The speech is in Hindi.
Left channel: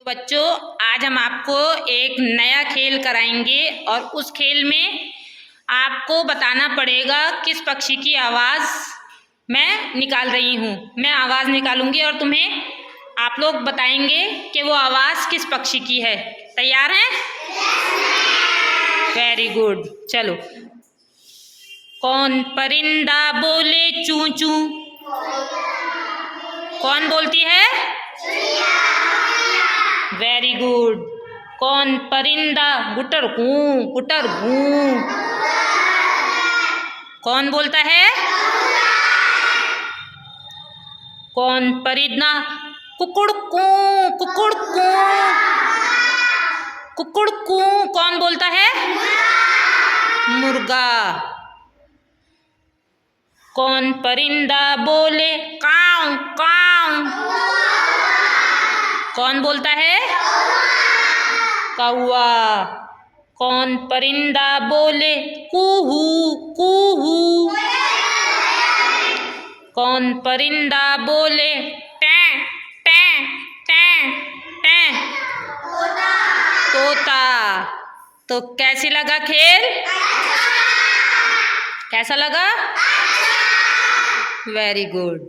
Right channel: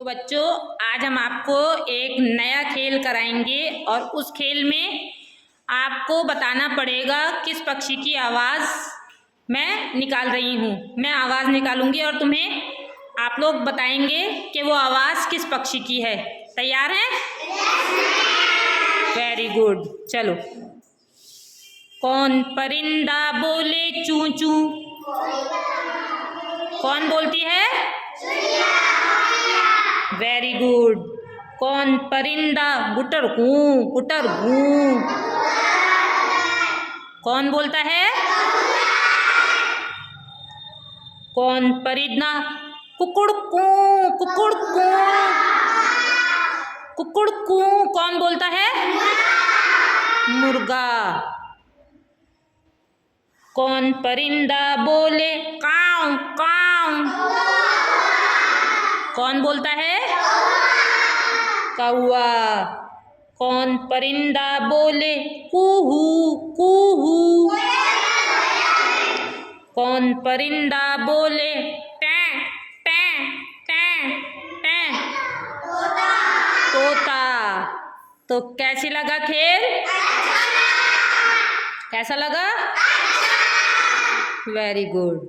तो बच्चों, आज हम आपको एक नया खेल कराएंगे और उस खेल में आपको बताना पड़ेगा किस पक्षी की आवाज़ मैं निकाल रही हूँ। मैं आवाज़ निकालूंगी और तुम्हें आप लोग बताएंगे कि वो आवाज़ किस पक्षी की है। तैयार हैं? Very good. चलो। कौन परिंदा बोले चूं चूं? कौन बोलती है? Very good. कौन परिंदा गुटर गूं? कौन बोलता है? कौन परिंदा कुकुड़ कू? कौन बोलता है? मुर्गा। कौन परिंदा बोले काव काव? कौन बोलता है? कौआ। कौन परिंदा बोले कूहू कूहू? कौन परिंदा बोले टें टें टें टें? तोता। तो कैसी लगा खेल? कैसा लगा? Very good.